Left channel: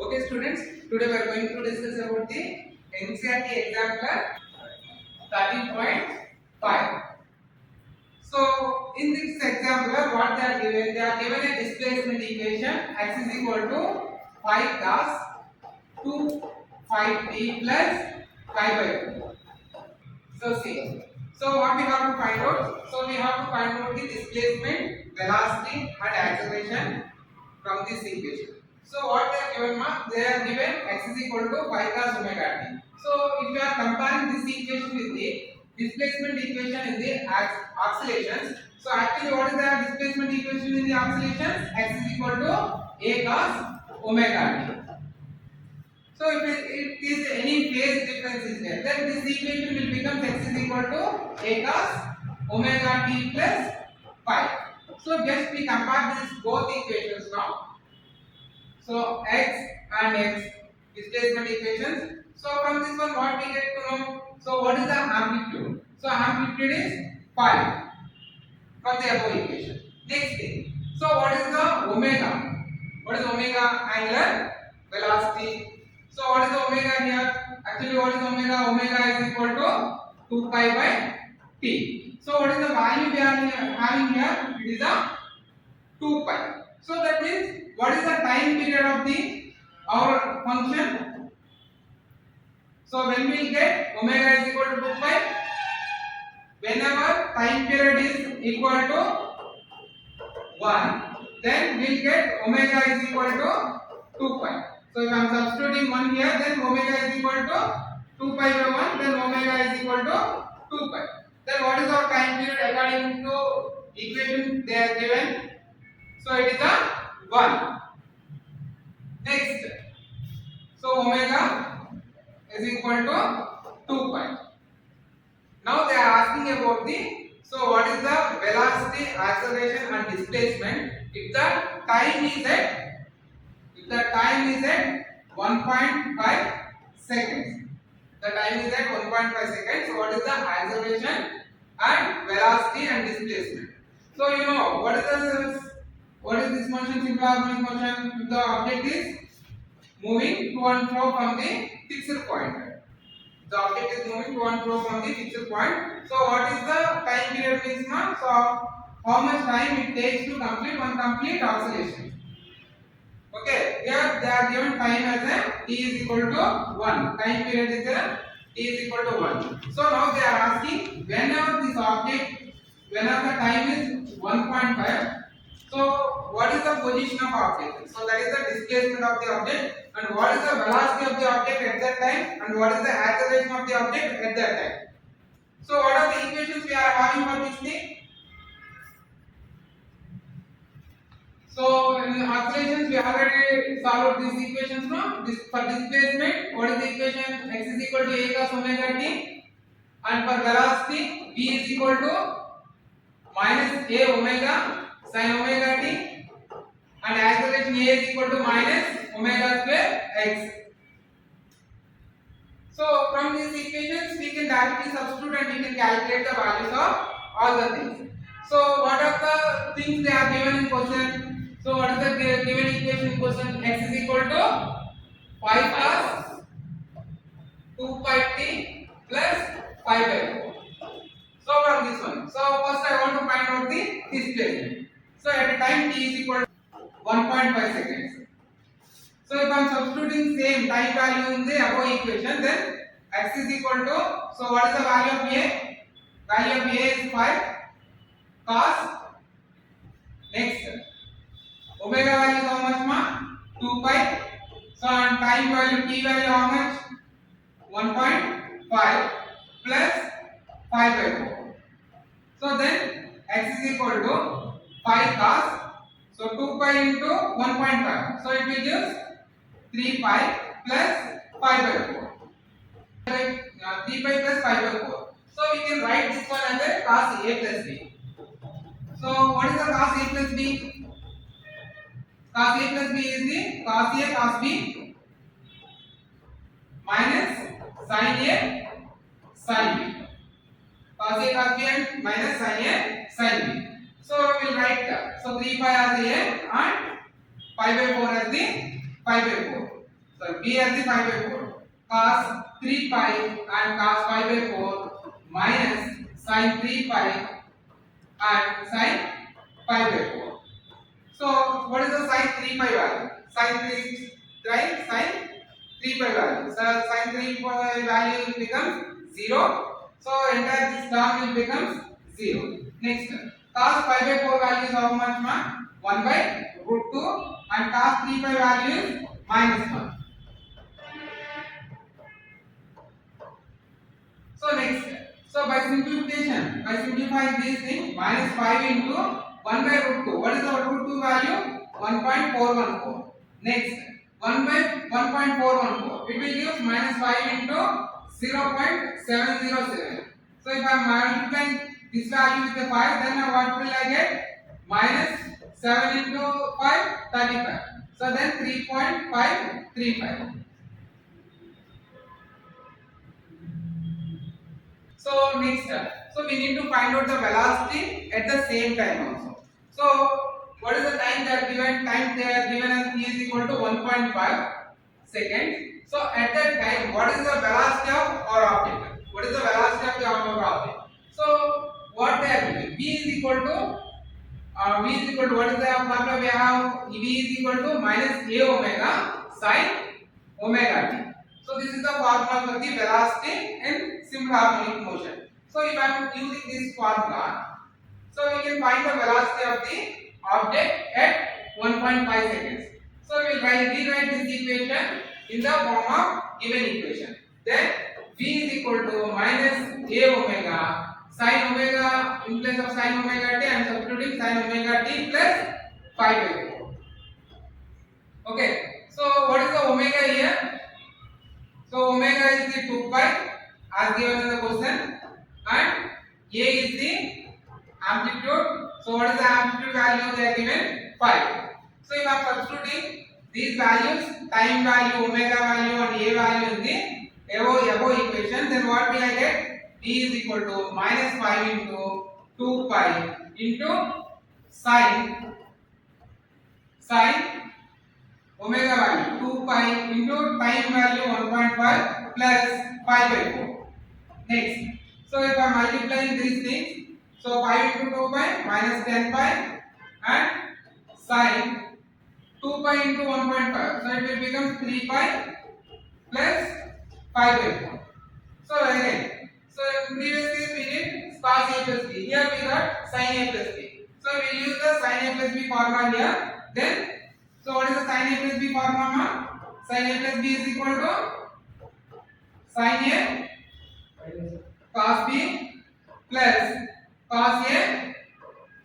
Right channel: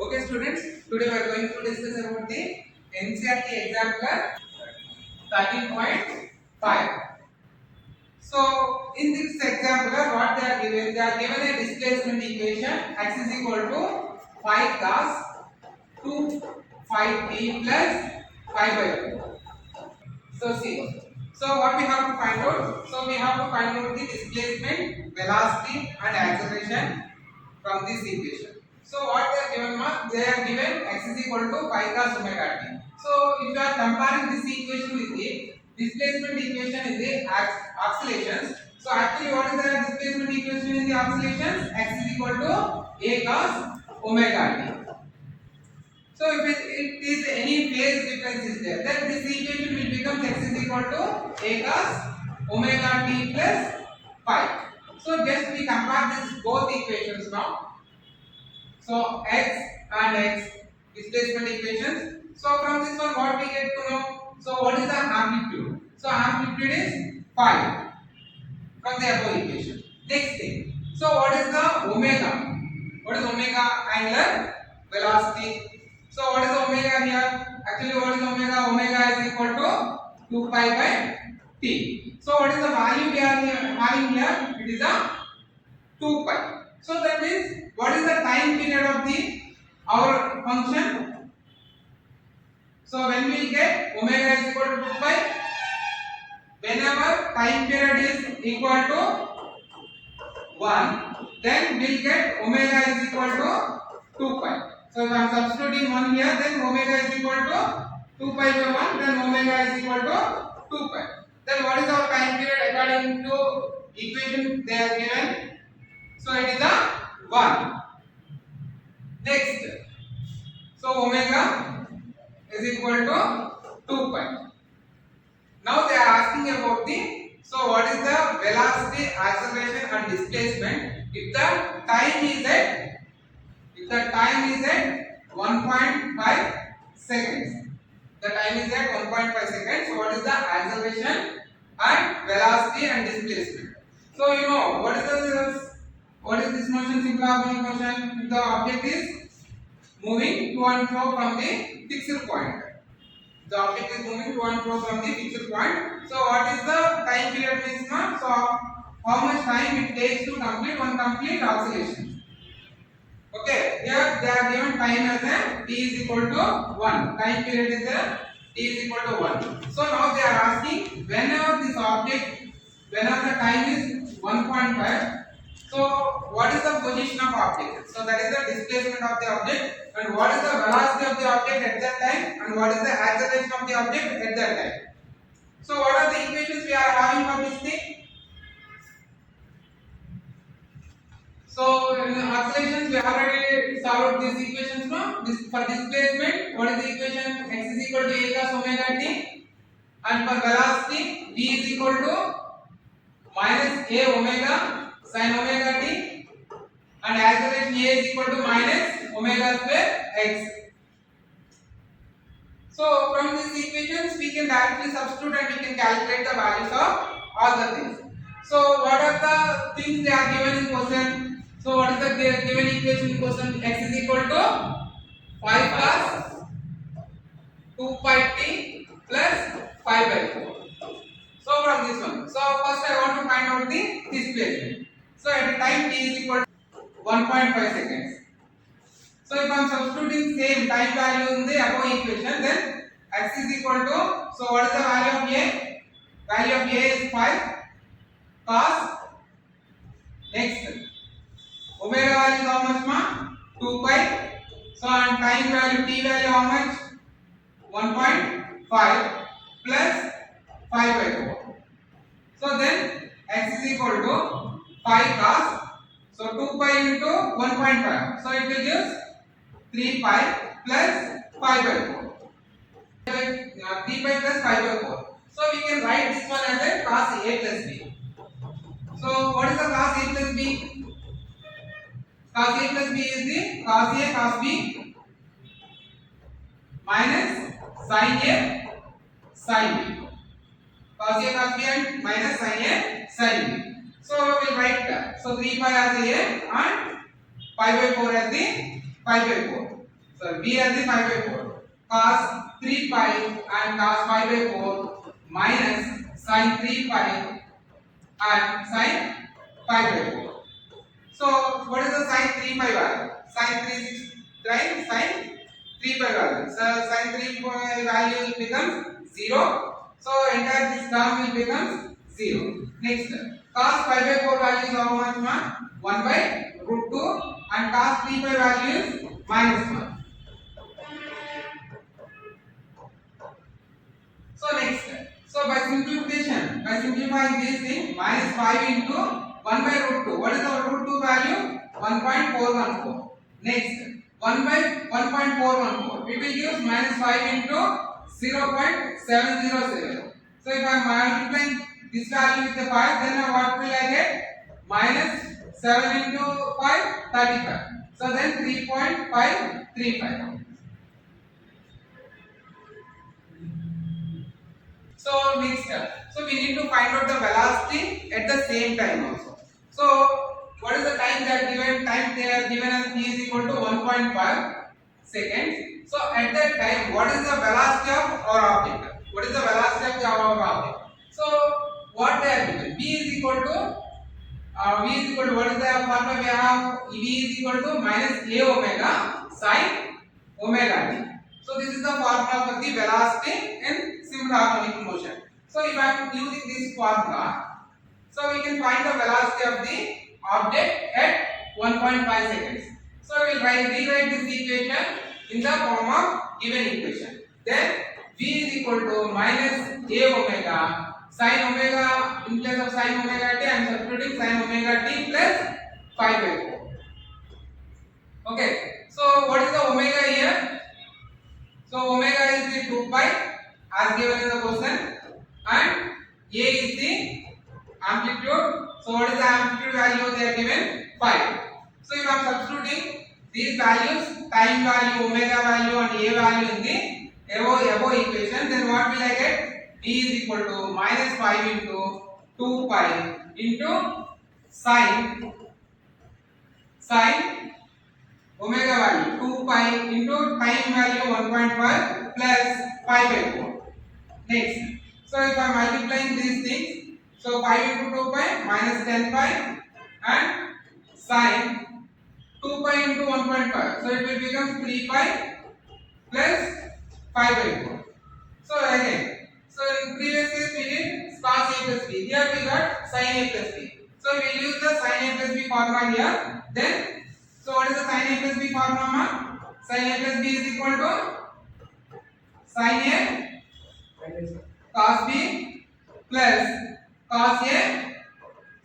Okay, students, today we are going to discuss about the NCERT example 13.5. So, in this example, what they are given? They are given a displacement equation x is equal to 5 cos 2 5t plus 5 by 2. So, see. So, what we have to find out? So, we have to find out the displacement, velocity, and acceleration from this equation. So what they are given, they are given x is equal to 5 cos omega t. So if you are comparing this equation with the displacement equation in the oscillations, so actually what is the displacement equation in the oscillations? X is equal to a cos omega t. So if it is any phase difference is there, then this equation will become x is equal to a cos omega t plus 5. So just we compare these both equations now. So x and x displacement equations. So from this one what we get to know? So what is the amplitude? So amplitude is 5 from the above equation. Next thing. So what is the omega? What is omega? Angular velocity. So what is the omega here? Actually what is omega? Omega is equal to 2 pi by t. So what is the value we are having here? It is a 2 pi. So that means what is the time period of the our function? So when we get omega is equal to 2 pi, whenever time period is equal to 1, then we'll get omega is equal to 2 pi. So if I am substituting 1 here, then omega is equal to 2 pi by 1, then omega is equal to 2 pi. Then what is our time period according to equation they are given? So it is a 1. Next, so omega is equal to 2 pi. Now they are asking about the, so what is the velocity, acceleration and displacement if the time is at 1.5 seconds. The time is at 1.5 seconds. So what is the acceleration and velocity and displacement? So you know what is this motion? Simple harmonic motion. If the object is moving to and fro from the fixed point. The object is moving to and fro from the fixed point. So what is the time period means? So how much time it takes to complete one complete oscillation? Okay, here they are given time as a t is equal to 1. Time period is a t is equal to 1. So now they are asking whenever this object, whenever the time is 1.5. So what is the position of object? So that is the displacement of the object, and what is the velocity of the object at that time, and what is the acceleration of the object at that time. So what are the equations we are having for this thing? So in oscillations we already solved these equations now. This for displacement, what is the equation? X is equal to a cos omega t, and for velocity v is equal to minus a omega sin omega t, and acceleration a is equal to minus omega square x. So from these equations we can directly substitute and we can calculate the values of all the things. So what are the things they are given in question? So what is the given equation in question? X is equal to 5 cos 2 pi t plus 5 by 4. So from this one. So first I want to find out the displacement. So at a time t is equal to 1.5 seconds. So if I am substituting same time value in the above equation, then x is equal to, so what is the value of a? Value of a is 5 cos. Next, omega value is how much? 2 pi. So and time value t value how much? 1.5 plus 5 by 4. So then x is equal to 5 cos. So 2 pi into 1.5. So it will give 3 pi plus 5 by 4. 3 pi plus 5 by 4. So we can write this one as a cos a plus b. So what is the cos a plus b? Cos a plus b is the cos a cos b minus sin a sin b. Cos a cos b and minus sin a sin b. So we will write so 3 pi as a and 5 by 4 as the 5 by 4. So b as the 5 by 4. Cos 3 pi and cos 5 by 4 minus sin 3 pi and sin 5 by 4. So what is the sin 3 pi value? Sin 3 right? Sin 3 pi value. So sin 3 pi value becomes 0. So entire this term will become 0. Next, cos 5 by 4 value is how much, ma? 1 by root 2 and cos 3 pi value is minus 1. So next, so by simplification, by simplifying this thing, minus 5 into 1 by root 2. What is the root 2 value? 1.414. Next, 1 by 1.414. It will give minus 5 into 0.707. So if I am multiplying this value with the 5, then what will I get? Minus 7 into 5, 35. So then 3.535. So next, so we need to find out the velocity at the same time also. So what is the time they are given? Time they are given as t is equal to 1.5 seconds. So at that time, what is the velocity of our object? What is the velocity of our object? So what they are given? V is equal to what is the formula we have? V is equal to minus a omega sin omega t. So this is the formula for the velocity in simple harmonic motion. So if I am using this formula, so we can find the velocity of the object at 1.5 seconds. So we will rewrite this equation in the form of given equation. Then V is equal to minus a omega sin omega, in place of sin omega t I am substituting sin omega t plus 5 by 4. Okay, so what is the omega here? So omega is the 2 pi as given in the question, and a is the amplitude. So what is the amplitude value they are given? 5. So if I am substituting these values, time value, omega value and a value in the above equation, then what will I get? D is equal to minus 5 into 2 pi into sin omega value 2 pi into time value 1.5 plus 5 by 4. Next, so if I am multiplying these things, so 5 into 2 pi minus 10 pi and sin 2 pi into 1.5, so it will become 3 pi plus 5 by 4. So again, so in previous case we did cos a plus b, here we got sin a plus b. So we will use the sin a plus b formula here. Then so what is the sin a plus b formula? Sin a plus b is equal to sin a cos b plus cos a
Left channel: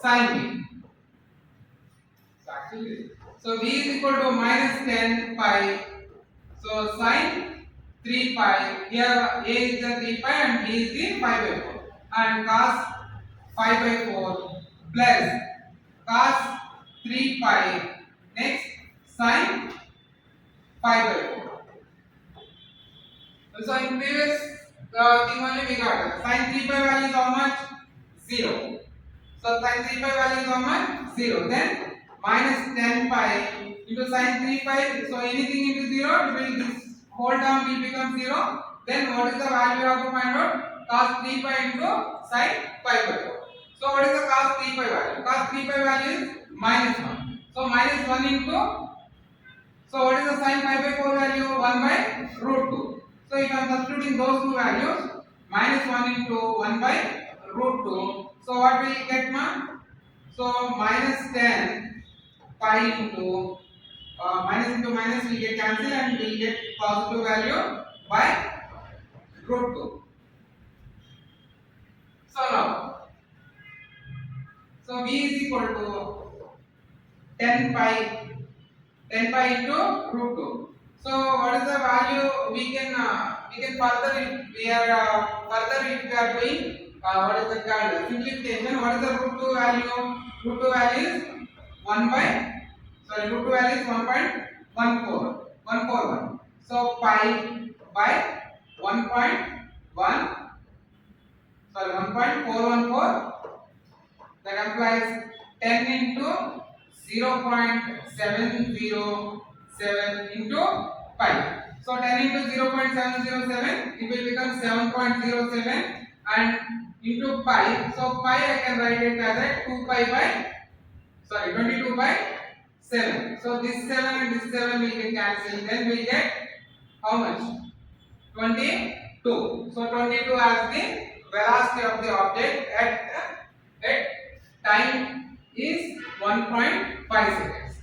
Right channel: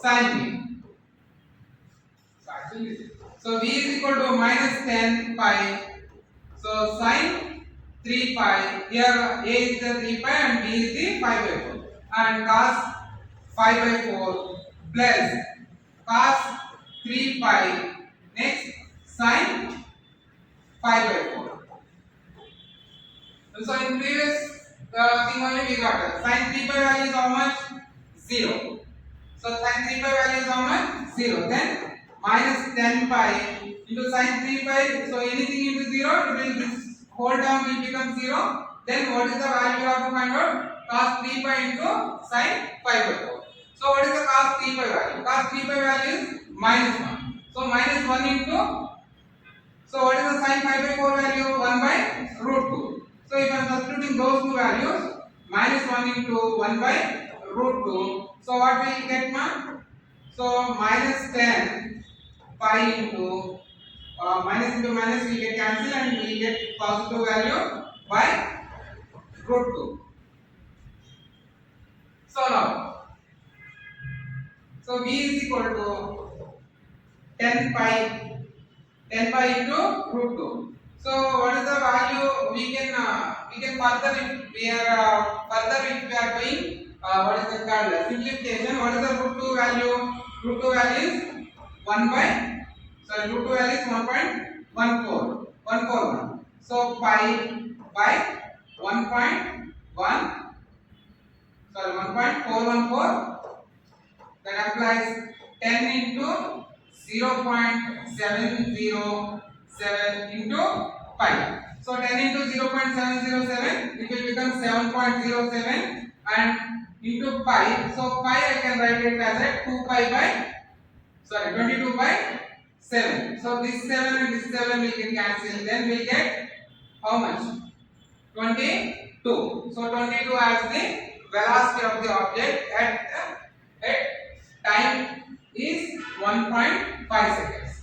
sin b. So v is equal to minus 10 pi. So sin 3 pi, here a is the 3 pi and b is the 5 by 4, and cos 5 by 4 plus cos 3 pi, next sin 5 by 4. So in previous thing only we got sin 3 pi value is how much? 0. So sin 3 pi value is how much? 0. Then minus 10 pi into sin 3 pi, so anything into 0, it will this whole term will become 0. Then what is the value we have to find out? Cos 3 pi into sin 5 by 4. So what is the cos 3 pi value? Cos 3 pi value is minus 1. So minus 1 into, so what is the sin 5 by 4 value? 1 by root 2. So if I am substituting those two values, minus 1 into 1 by root 2. So what will you get, ma? So minus 10 pi into minus into minus will get cancelled and we will get positive value by root 2. So now, so v is equal to 10 pi into root 2. So what is the value we can further if we are doing what is the called simplification? What is the root 2 value? Root 2 value is 1 by root 2 value is 1.141. So pi by 1.414, that implies 10 into 0.707 into pi. So 10 into 0.707, it will become 7.07 and into pi. So pi I can write it as a 2 pi by 22 by 7. So this 7 and this 7 will get cancelled. Then we'll get how much? 22. So 22 as the velocity of the object at time is 1.5 seconds.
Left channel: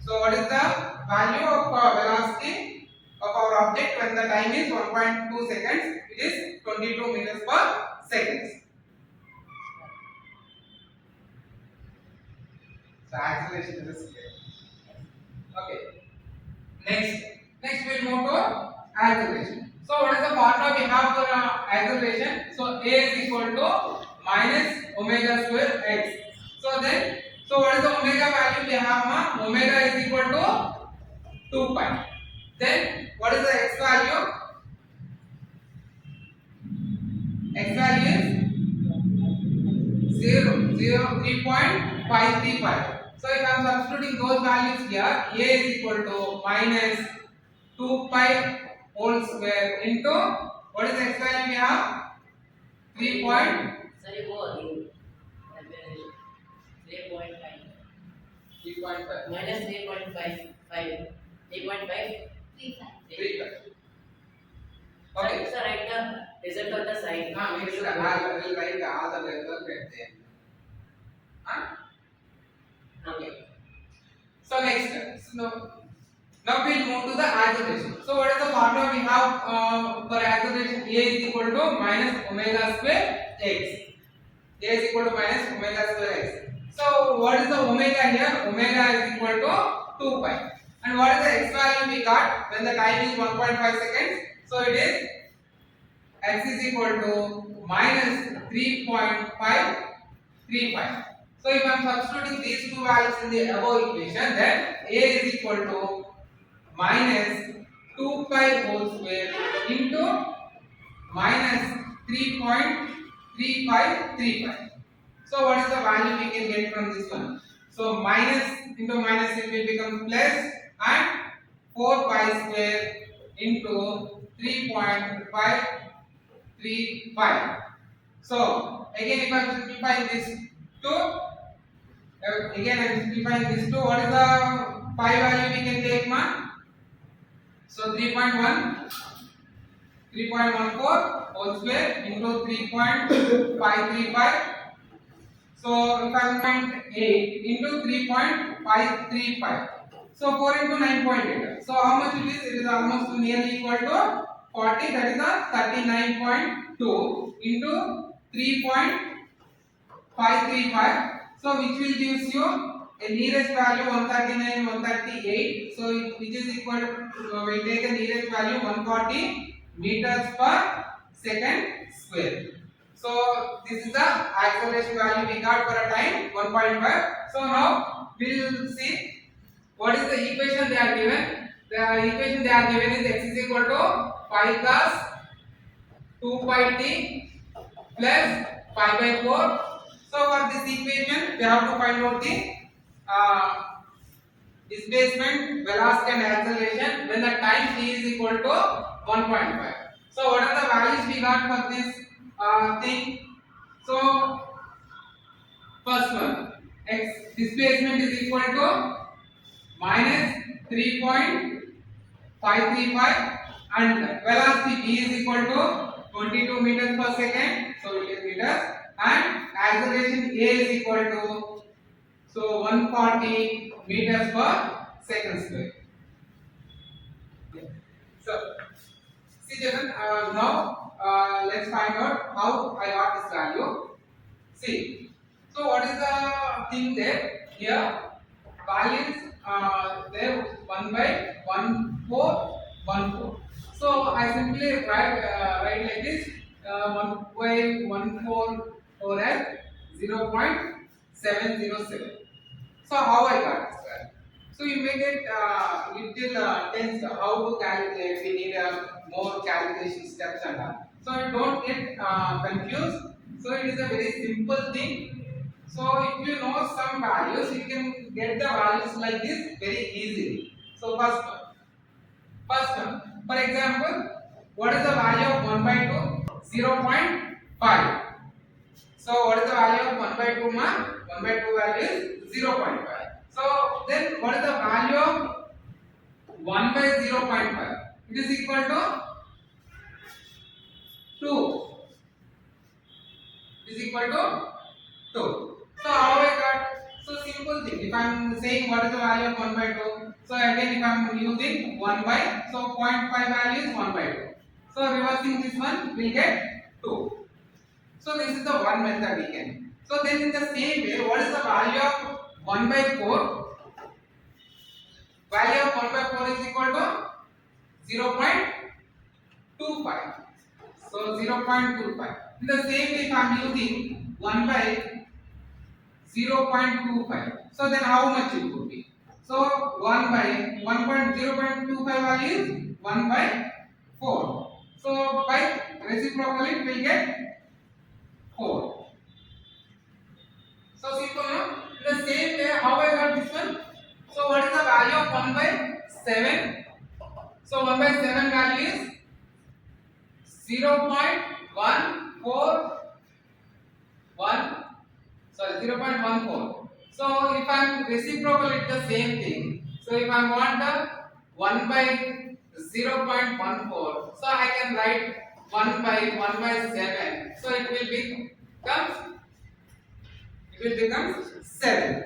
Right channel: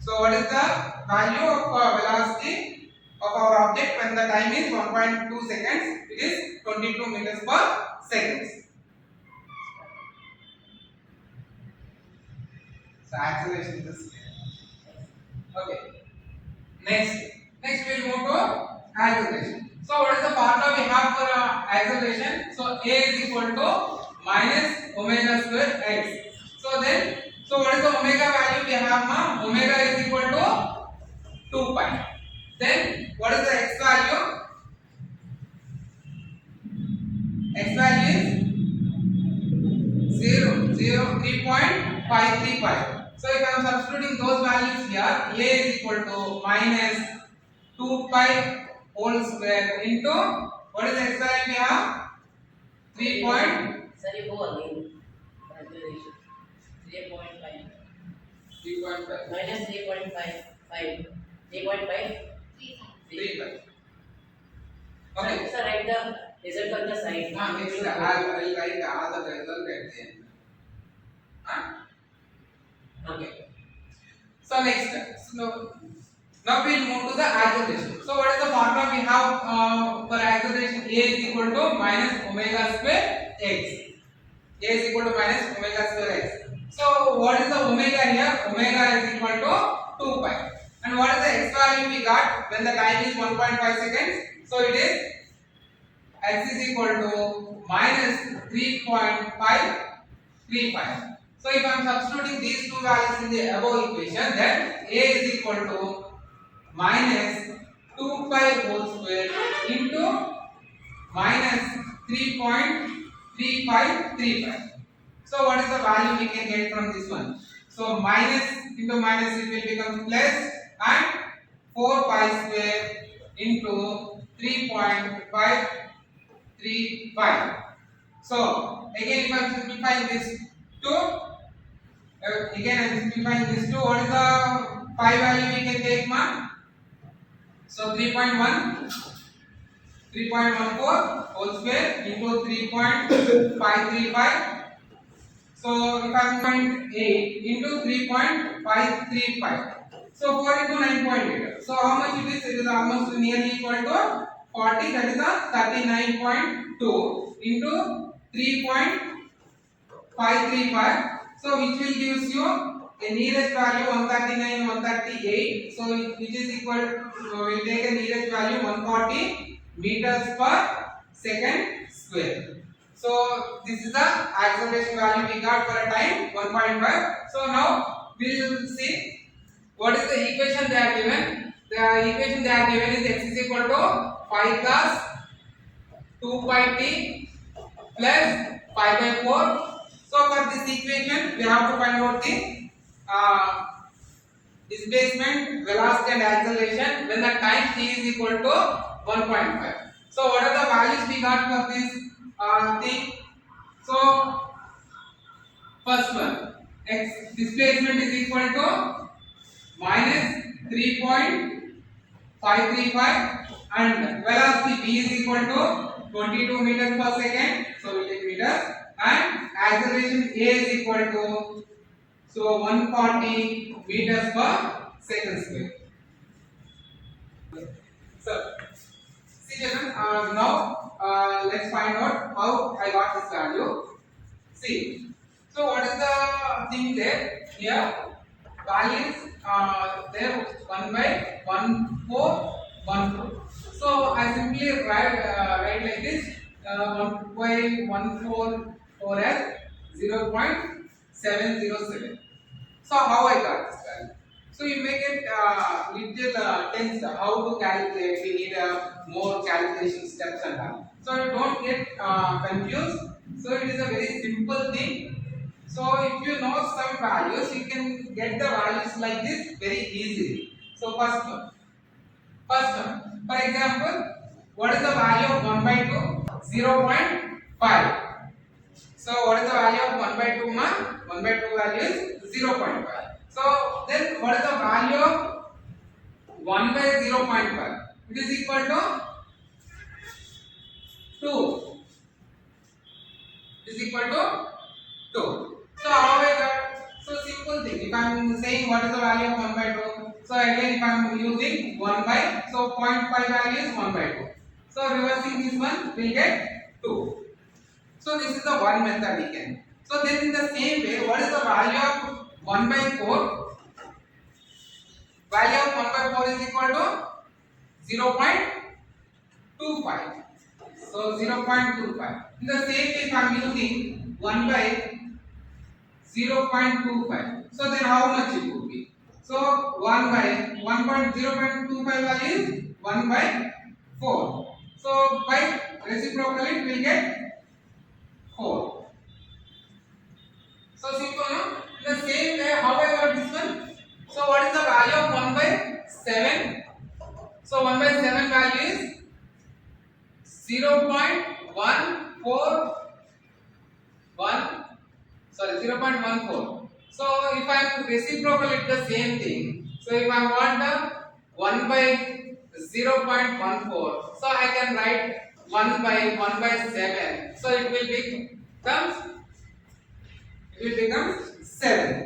So what is the value of velocity of our object when the time is 1.2 seconds? It is 22 meters per second. So acceleration is clear. Okay. Next we'll move to acceleration. So what is the formula we have for acceleration? So a is equal to minus omega square x. So what is the omega value we have now? Omega is equal to 2 pi. Then what is the x value? X value is 3.535. So if I am substituting those values here, a is equal to minus 2 pi whole square into what is the x value we have? 3. Sorry, go again. 3.5. 3.5. Minus 3.5. 3.5. 3.5. Okay. Sir, write the result on the side. I will write all the result at the end. Okay. So next, now we'll move to the acceleration. So what is the formula we have for acceleration? A is equal to minus omega square x. A is equal to minus omega square x. So what is the omega here? Omega is equal to 2 pi. And what is the x value we got when the time is 1.5 seconds? So it is x is equal to minus 3.535. So if I am substituting these two values in the above equation, then a is equal to minus 2 pi whole square into minus 3.3535. So what is the value we can get from this one? So minus into minus it will become plus and 4 pi square into 3.535. So again if I am simplifying this two, again I am simplifying this two. What is the pi value we can take, ma? So 3.14 whole square into 3.535. So if I am 0.8 into 3.535. So 4 into 9.8. So how much it is? It is almost nearly equal to 40. That is a 39.2 into 3.535. So which will gives you a nearest value 139, 138. So which is equal to, we'll take a nearest value 140 meters per second square. So this is the acceleration value we got for a time 1.5. So now we will see what is the equation they are given. The equation they are given is x is equal to 5 cos 2 pi t plus 5 by 4. So for this equation, we have to find out the displacement, velocity and acceleration when the time t is equal to 1.5. So what are the values we got for this thing? So first one, x displacement is equal to minus 3.535 and velocity v is equal to 22 meters per second. So we take meters. And acceleration a is equal to 140 meters per second square. So see children, now let's find out how I got this value. See, so what is the thing there? Here values there 1 by 1414. So I simply write like this 1 by 144 as 0.707. So how I got this value? So you may get little tense how to calculate. We need more calculation steps and all. So you don't get confused. So it is a very simple thing. So if you know some values, you can get the values like this very easily. So first First one, for example, what is the value of 1 by 2? 0.5. So what is the value of 1 by 2 ma? 1 by 2 value is 0.5. So then what is the value of 1 by 0.5? It is equal to 2. It is equal to 2. So how I got? So simple thing. If I am saying what is the value of 1 by 2, so again if I am using 1 by, so 0.5 value is 1 by 2. So reversing this one will get 2. So this is the one method we can. So then in the same way, what is the value of 1 by 4? Value of 1 by 4 is equal to 0.25. So 0.25. In the same way, if I am using 1 by 0.25. So then how much it would be? So 1 by 1.0.25 value is 1 by 4. So by reciprocal it will get 4. So simple, no? In the same way, how I got this one? So what is the value of 1 by 7? So 1 by 7 value is 0.14. So if I am reciprocal it the same thing. So if I want a 1 by 0.14, so I can write 1 by 7. So it will become 7.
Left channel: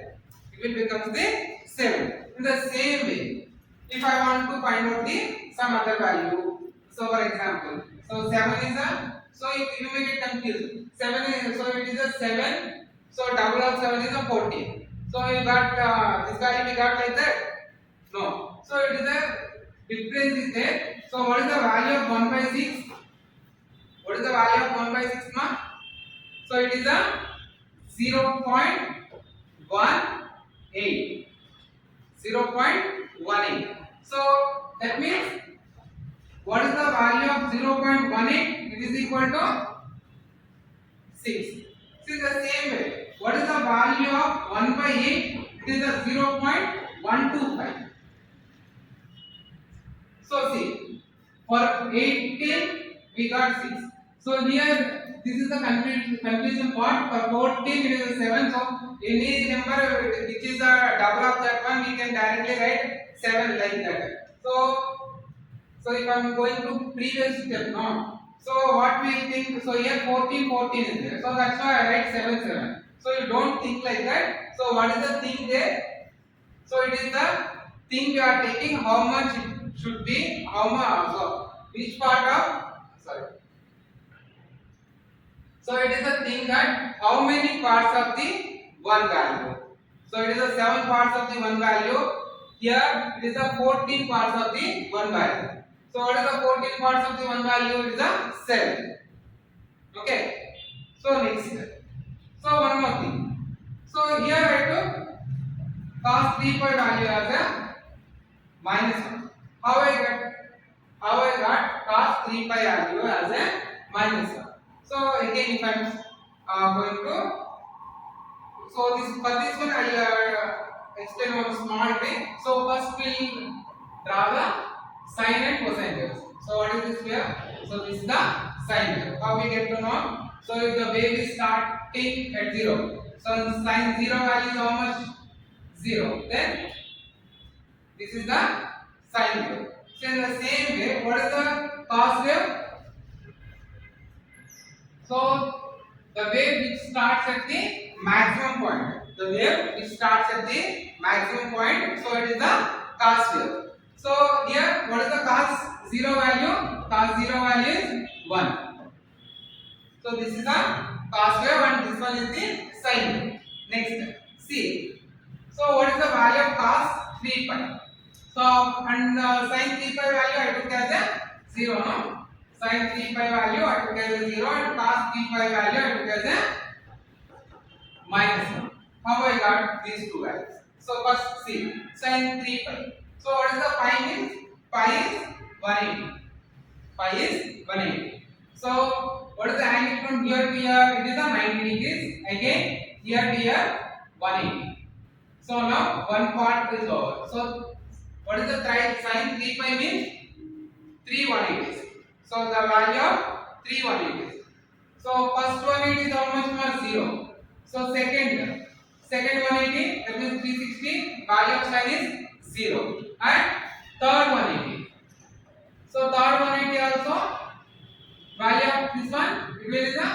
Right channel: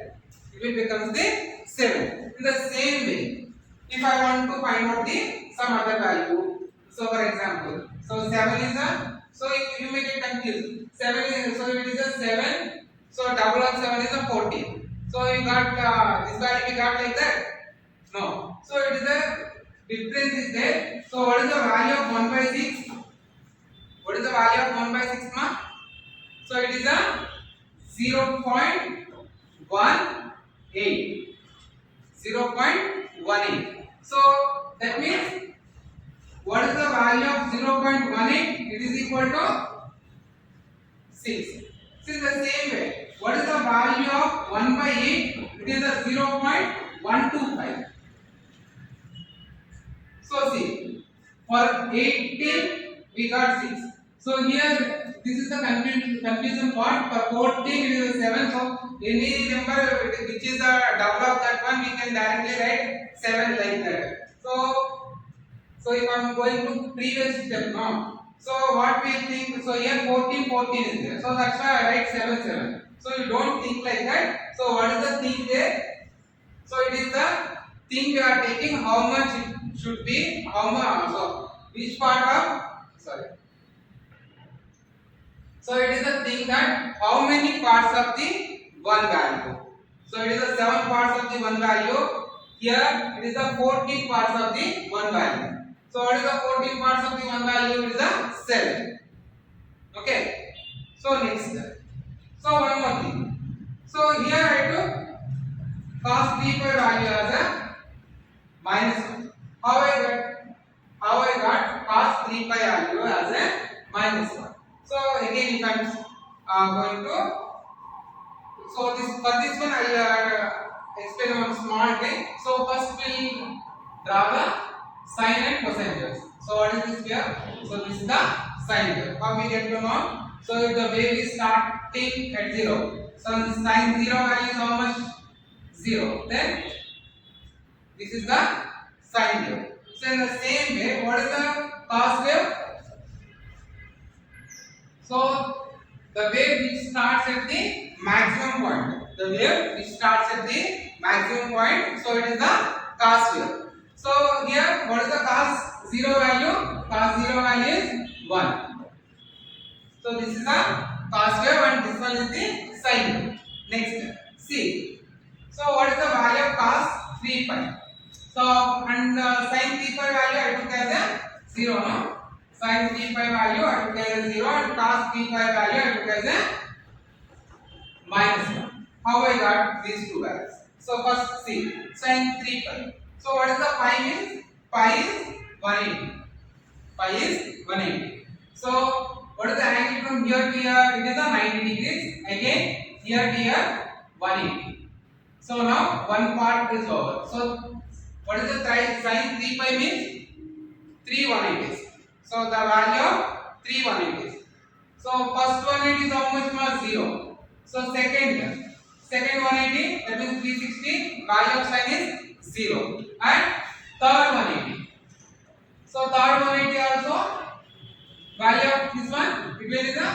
It will become the 7. In the same way, if I want to find out the some other value, so for example, so 7 is a, so you may get confused. 7 is, so it is a 7. So double of 7 is a 14. So you got this value we got like that? No. So it is a difference is there. So what is the value of 1 by 6? What is the value of 1 by 6 ma? So it is a 0.18. 0.18. So that means what is the value of 0.18? It is equal to 6. So in the same way, what is the value of 1 by 8? It is a 0.125. So see, for 18 we got 6. So here this is the confusion part. For 14 it is a 7. So any number which is a double of that one we can directly write 7 like that. So if I am going to previous step now. So what we think? So here 14 is there. So that's why I write 7. So you don't think like that. So what is the thing there? So it is the thing you are taking how much it should be, how much, so which part of, sorry. So it is the thing that how many parts of the one value. So it is the 7 parts of the one value. Here it is the 14 parts of the one value. So what is the 14 parts of the one value? It is a 7. Okay. So next step. So one more thing. So here I took cos 3 pi value as a minus 1. How I got cos 3 pi value as a minus 1. So again, if I am going to, so this for this one I will explain one small trick. So first we draw the sine and cosine waves. So what is this here? So this is the sine wave. How we get to know? So if the wave is starting at 0. So sine 0 value is how much? 0. Then this is the sine wave. So in the same way, what is the cos wave? So the wave which starts at the maximum point. The wave which starts at the maximum point. So it is the cos wave. So here, what is the cos 0 value? Cos 0 value is 1. So this is the cos wave and this one is the sine wave. Next, see. So what is the value of cos 3 pi? So and sin 3 pi value I took as a 0, no? Sin 3 pi value I took as a 0 and cos 3 pi value I took as a minus 1. How I got these two values? So first see, sin 3 pi. So what is the pi means? Pi is 180. Pi is 180. So what is the angle from here to here? It is a 90 degrees. Again here to here 180. So now one part is over. So what is the sin 3 pi means? 3 180s. So the value of 3 180s. So first 180 is how much more? 0. So second 180, that means 360, value of sign is 0. And third 180. So third 180 also, value of this one, it will be the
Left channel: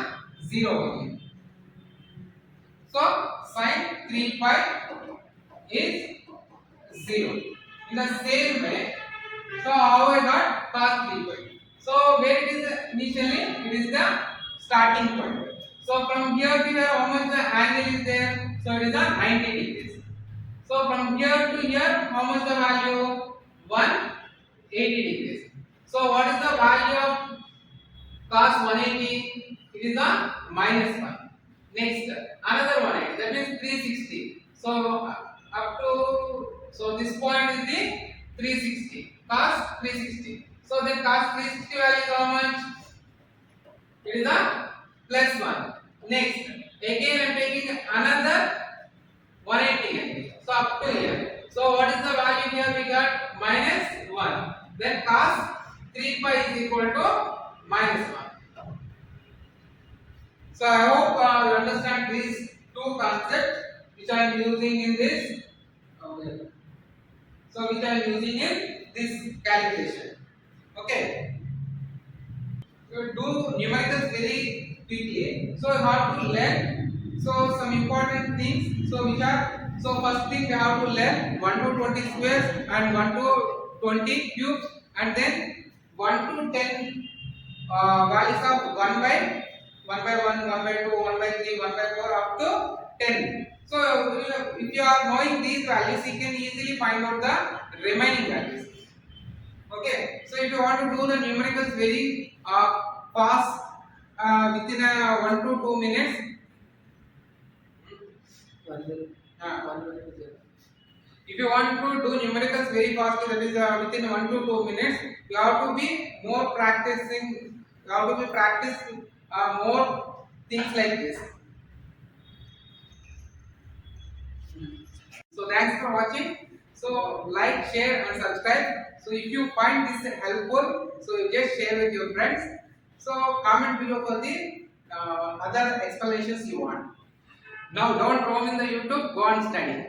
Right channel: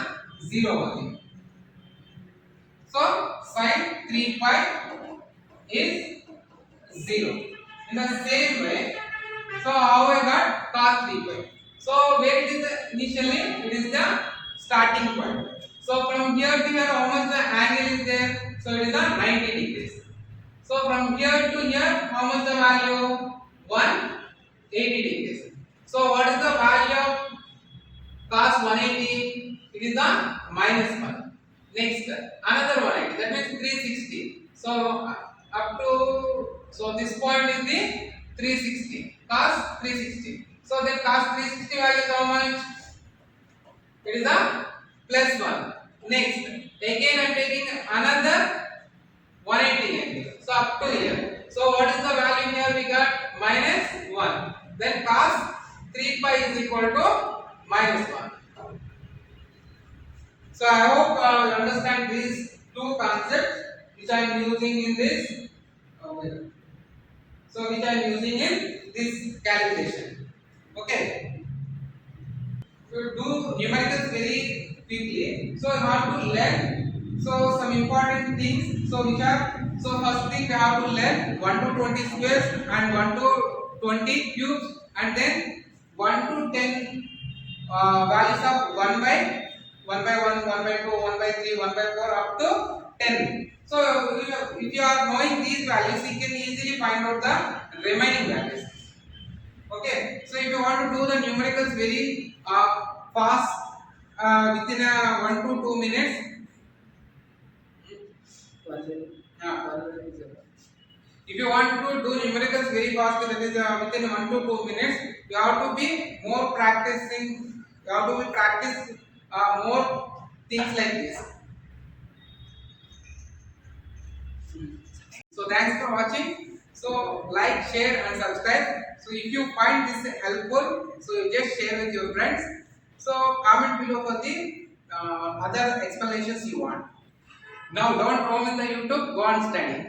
0 only. So sin 3 pi is 0. In the same way, so how I got cos 3 pi? So where it is initially, it is the starting point. So from here to here, how much the angle is there? So it is the 90 degrees. So from here to here, how much the value? 180 degrees. So what is the value of cos 180? It is the minus 1. Next, another 180, that means 360. So up to, so this point is the 360, cos 360. So then cos 360 value is how much? It is a plus 1. Next, again I am taking another 180 angle. So up to here. So what is the value here? We got minus 1. Then cos 3 pi is equal to minus 1. So I hope you understand these two concepts which I am using in this. So which I am using in this calculation. Okay. So do numericals very quickly. So you have to learn. So some important things. So which are, so first thing we have to learn 1 to 20 squares and 1 to 20 cubes, and then 1 to 10 values of 1 by 1 by 1, 1 by 2, 1 by 3, 1 by 4 up to 10. So if you are knowing these values, you can easily find out the remaining values. Okay. So if you want to do the numericals very fast within 1 to 2 minutes. 1 minute. 1 minute is enough. If you want to do numericals very fast, that is within 1 to 2 minutes, you have to be more practicing. You have to be practice more things like this. So thanks for watching. So like, share and subscribe. So if you find this helpful, so you just share with your friends. So comment below for the other explanations you want. Now don't roam in the YouTube, go on study.